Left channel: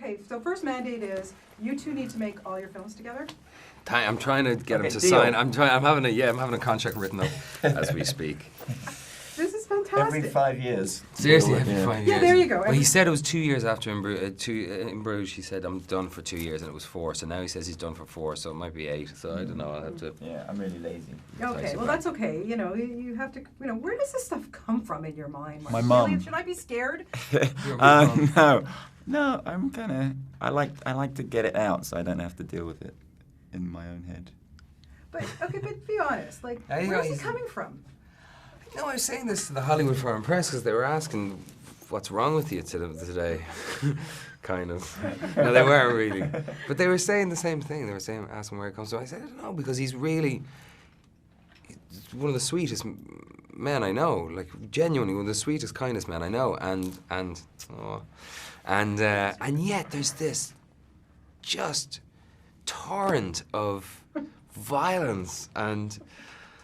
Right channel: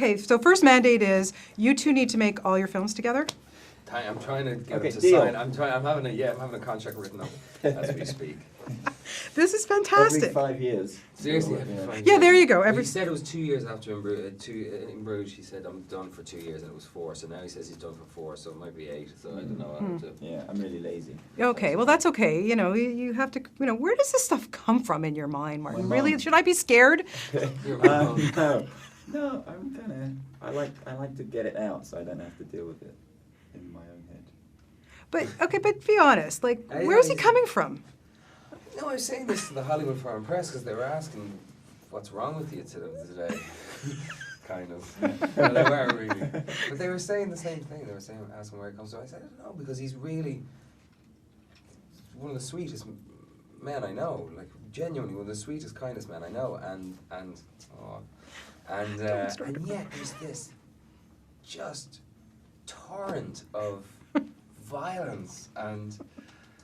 okay, so first mandate is you two need to make all your films together. I'm trying to get him to deal. sign. I'm having a contract written up as we speak. This is fantastic. Every 5 years. Seriously, every 5 years. Yeah, there you go. Well, he said it was 2 years after in Bruges. He said, I'm done for 2 years, and it was 4. So now he says he's done for 4, so it might be 8. So I don't know. I'll have to... Yeah, I'm really lazy. Okay, well that's okay. You know, you have to. You know, where does this stuff come from in your mind, Martin? My Really, mum. should I be scared? No, I'm kind of. I like to get it out, so I don't have to deal with it in my own head. But okay, but be honest. Like, I- where's he I- coming from? No, I was saying this to the Hollywood Foreign Press because they were asking, what's wrong with you today? Kind of. No, they weren't really. But they were saying the same thing. They were asking where it comes from. I said, I don't know, because he's one of the sweetest men I know. Like, genuinely one of the sweetest, kindest men I know. And yet there's this just torrent of violence and...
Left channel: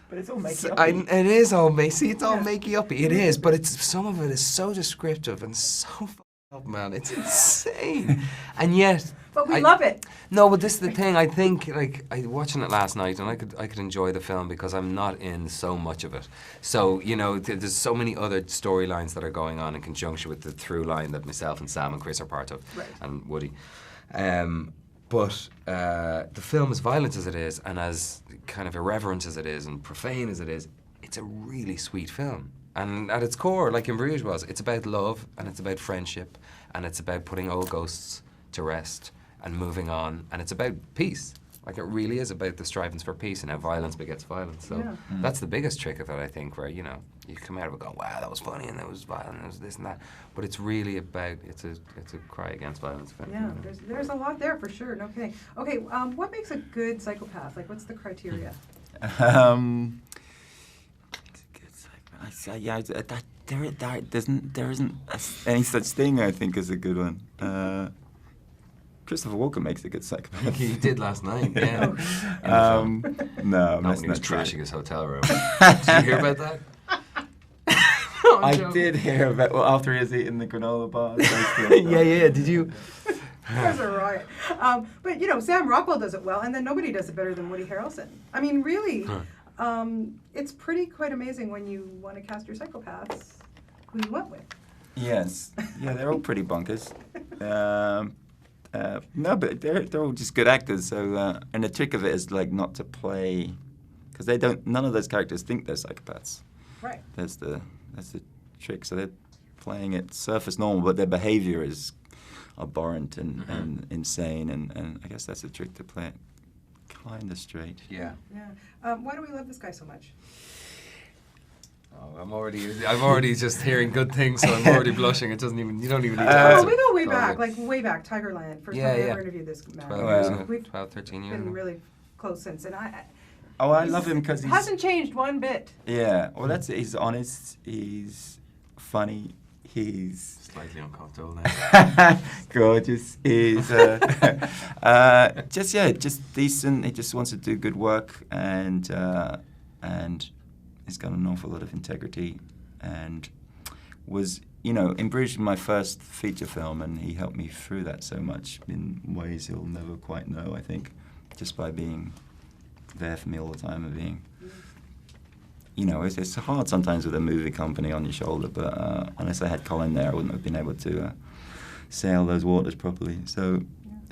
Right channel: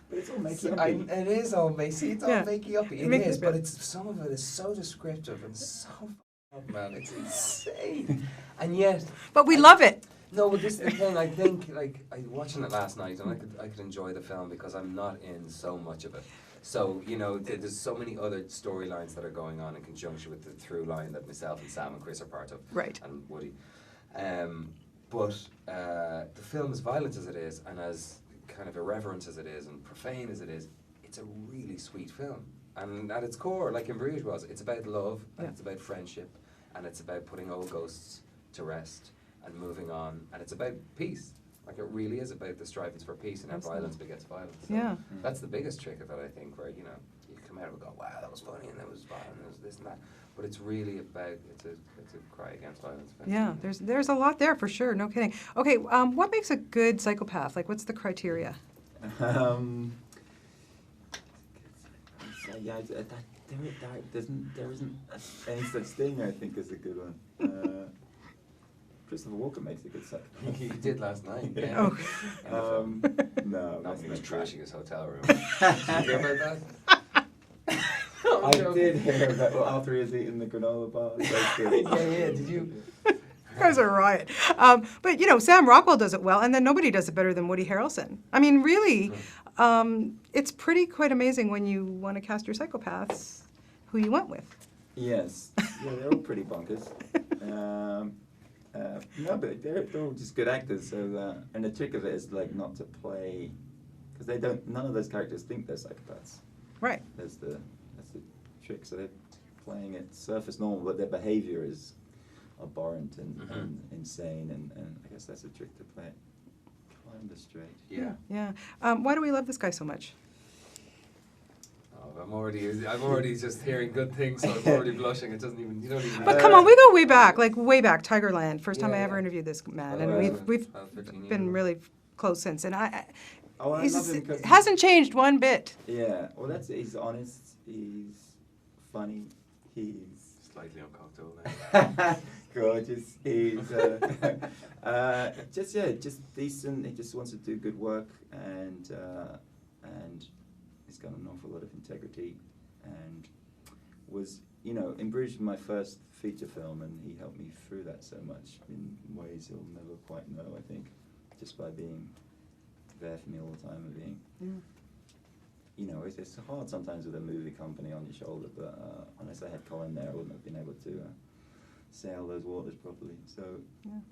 But it's all makey it is all makey. It's all Yeah. makey-uppy. It is, but some of it is so descriptive and so fucked up, man. It's insane. And yet... But we love it. No, but this is the thing. I think, like, I watching it last night, and I could enjoy the film because I'm not in so much of it. So, you know, there's so many other storylines that are going on in conjunction with the through line that myself and Sam and Chris are part of. Right. And Woody. But the film, as violent as it is, and as kind of irreverent as it is, and profane as it is, it's a really sweet film. And at its core, like in Bruges was, it's about love, and it's about friendship, and it's about putting old ghosts to rest, and moving on, and it's about peace. Like, it really is about the strivings for peace and how violence begets violence. So Yeah. that's the biggest trick of it, I think, where, you know, you come out of it going, wow, that was funny, and that was violent, and there was this and that. But it's really about, it's a cry against violence. Yeah, there's a lot there for sure. No kidding. Okay, what makes a good psychopath? Like, what's the criteria? Yeah, there isn't any such thing, I think, as a good one. Christopher Walken makes a good psychopath. He did last night, yeah. No, Not that's when he was not true. trashing his hotel room. Did you hear about that? I did hear about, well, after he was eating the granola bar. yeah, did you? It was a riot. But, you know, Sam Rockwell does it well, and then nobody does it better than Woody Harrelson. I mean, really, it's quite amazing when you want to cast your psychopaths, who you went with. Yes. Yeah, they're all pretty bonkers. No, but they're all just good actors. So, and the trick of it is, like, not to play, because none of those characters think they're psychopaths. Right. That's the trick. So they're playing it surface normal, but their behavior is abhorrent and insane, and I guess that's the trick, to play it kind of straight. Yeah. Yeah. Why do we love this guy so much? Oh, I'm already just hearing good things, so I'm already blushing. It doesn't even, you don't even need to... Come on, we go way Oh, back, yeah. like way back, Tigerland. First time I Yeah, ever yeah. interviewed this man. 12, And we've 12, 13 years been ago. really close since. And I love him because hasn't changed one bit. Yeah, well, that's it. He's honest. He's funny. He's Slightly uncomfortable now. gorgeous. He's just decent. He just wants to do good work, and he's got an awful lot of integrity, and was, you know, in Bruges, my first feature film, and he helped me through that so much in ways he'll never quite know, I think, just by being there for me all the time and being, you know, it's hard sometimes with a movie company on your shoulder, but unless I had Colin there, I wouldn't have been able to sail those waters properly. So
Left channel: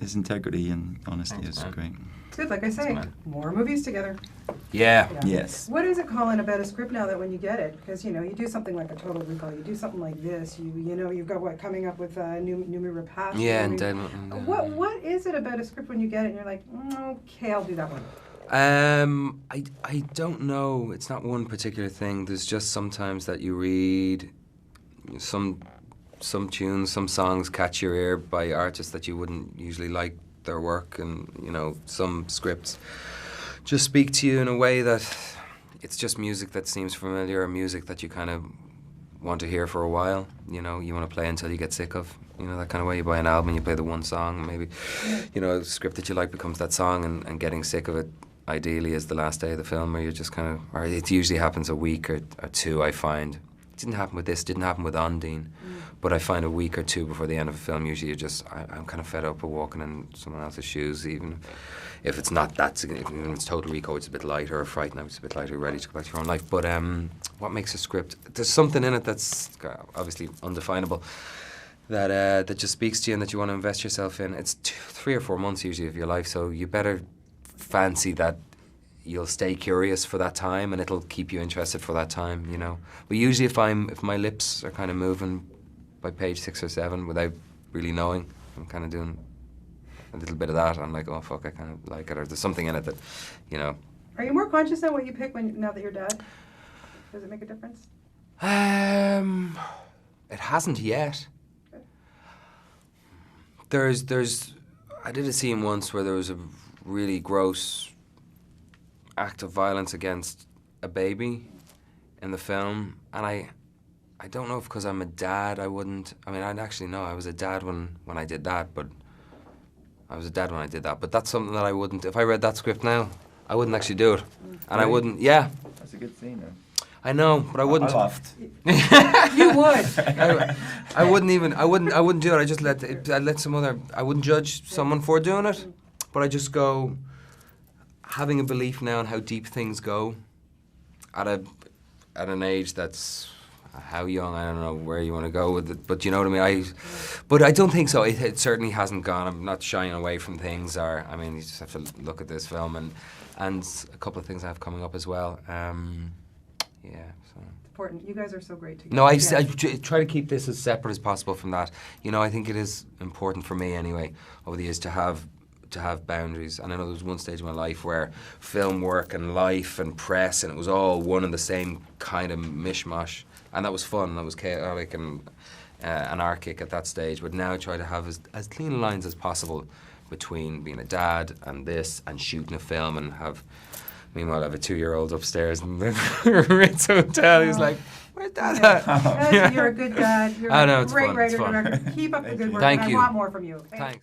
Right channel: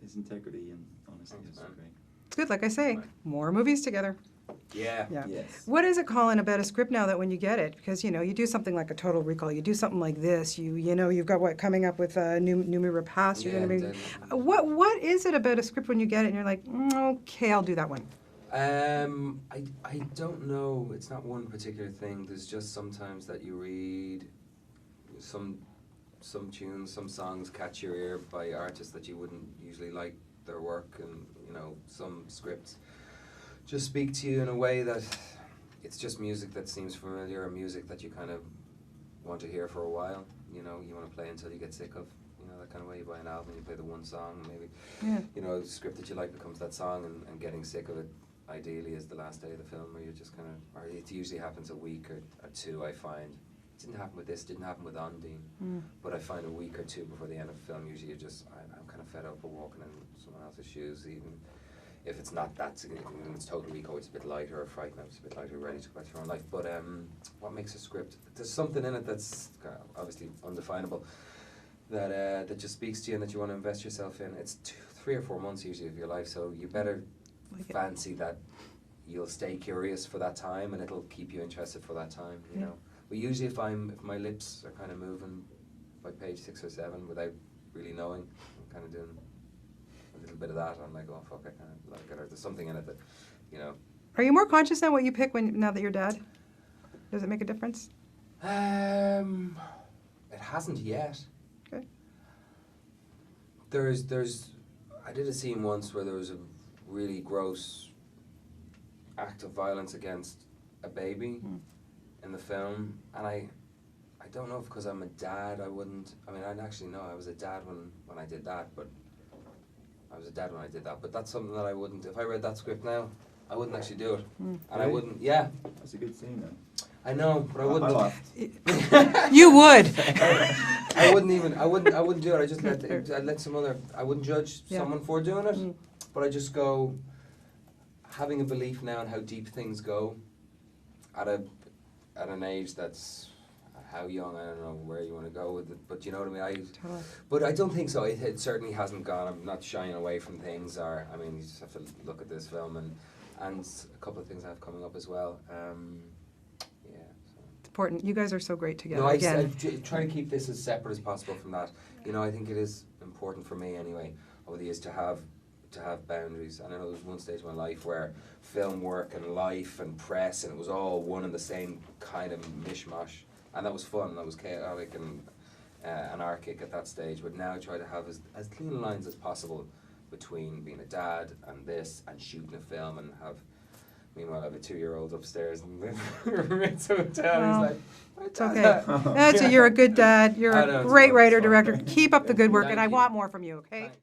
his integrity and honesty is great. It's good, like I say, more movies together. Yeah. Yes. What is it, Colin, about a script now that when you get it, because, you know, you do something like a Total Recall, you do something like this, you know, you've got what coming up with Numi Rapace. Yeah, and What is it about a script when you get it and you're like, okay, I'll do that one? I don't know. It's not one particular thing. There's just sometimes that you read some tunes, some songs catch your ear by artists that you wouldn't usually like their work, and, you know, some scripts just speak to you in a way that it's just music that seems familiar, or music that you kind of want to hear for a while. You know, you want to play until you get sick of. You know, that kind of way. You buy an album and you play the one song, and maybe, you know, a script that you like becomes that song, and getting sick of it ideally is the last day of the film, where you're just kind of, or it usually happens a week or two, I find. It didn't happen with this, didn't happen with Ondine, But I find a week or two before the end of a film, usually I'm kind of fed up of walking in someone else's shoes, even if it's not that significant. It's Total Recall, it's a bit lighter, or Fright Night, it's a bit lighter, ready to go back to your own life. But what makes a script? There's something in it that's obviously undefinable, that just speaks to you and that you want to invest yourself in. It's 3 or 4 months usually of your life, so you better fancy that you'll stay curious for that time and it'll keep you interested for that time, you know. But usually if my lips are kind of moving by page 6 or 7 without really knowing, I'm kind of doing a little bit of that. I'm like, oh fuck, I kind of like it, or there's something in it that, you know. Are you more conscious now what you pick now that you're dad? Does it make a difference? It hasn't yet. Okay. I did a scene once where there was a really gross act of violence against a baby in the film, and I don't know if because I'm a dad I actually know I was a dad when I did that, but I was a dad when I did that. But that's something that I wouldn't, if I read that script now, I wouldn't actually do it. And I wouldn't, yeah. That's a good scene, then. I know, but I wouldn't. I laughed. You would. I wouldn't do it. I just I wouldn't judge someone for doing it, but I just go, having a belief now in how deep things go at an age that's how young, I don't know where you want to go with it, but you know what I mean. But I don't think so. It certainly hasn't gone. I'm not shying away from things. You just have to look at this film and a couple of things I have coming up as well. Yeah. So. It's important. You guys are so great together. No, I try to keep this as separate as possible from that. You know, I think it is important for me anyway over the years to have boundaries. And I know there was one stage in my life where film work and life and press, and it was all one and the same kind of mishmash. And that was fun, that was chaotic and anarchic at that stage. But now I try to have as clean lines as possible between being a dad and this and shooting a film and meanwhile I have a 2-year-old upstairs in the Ritz Hotel. He's like, where's Dad at? That's it. You're a good dad. You're a great writer, director. Keep up the good work, Thank and you. I want more from you, okay? Thanks.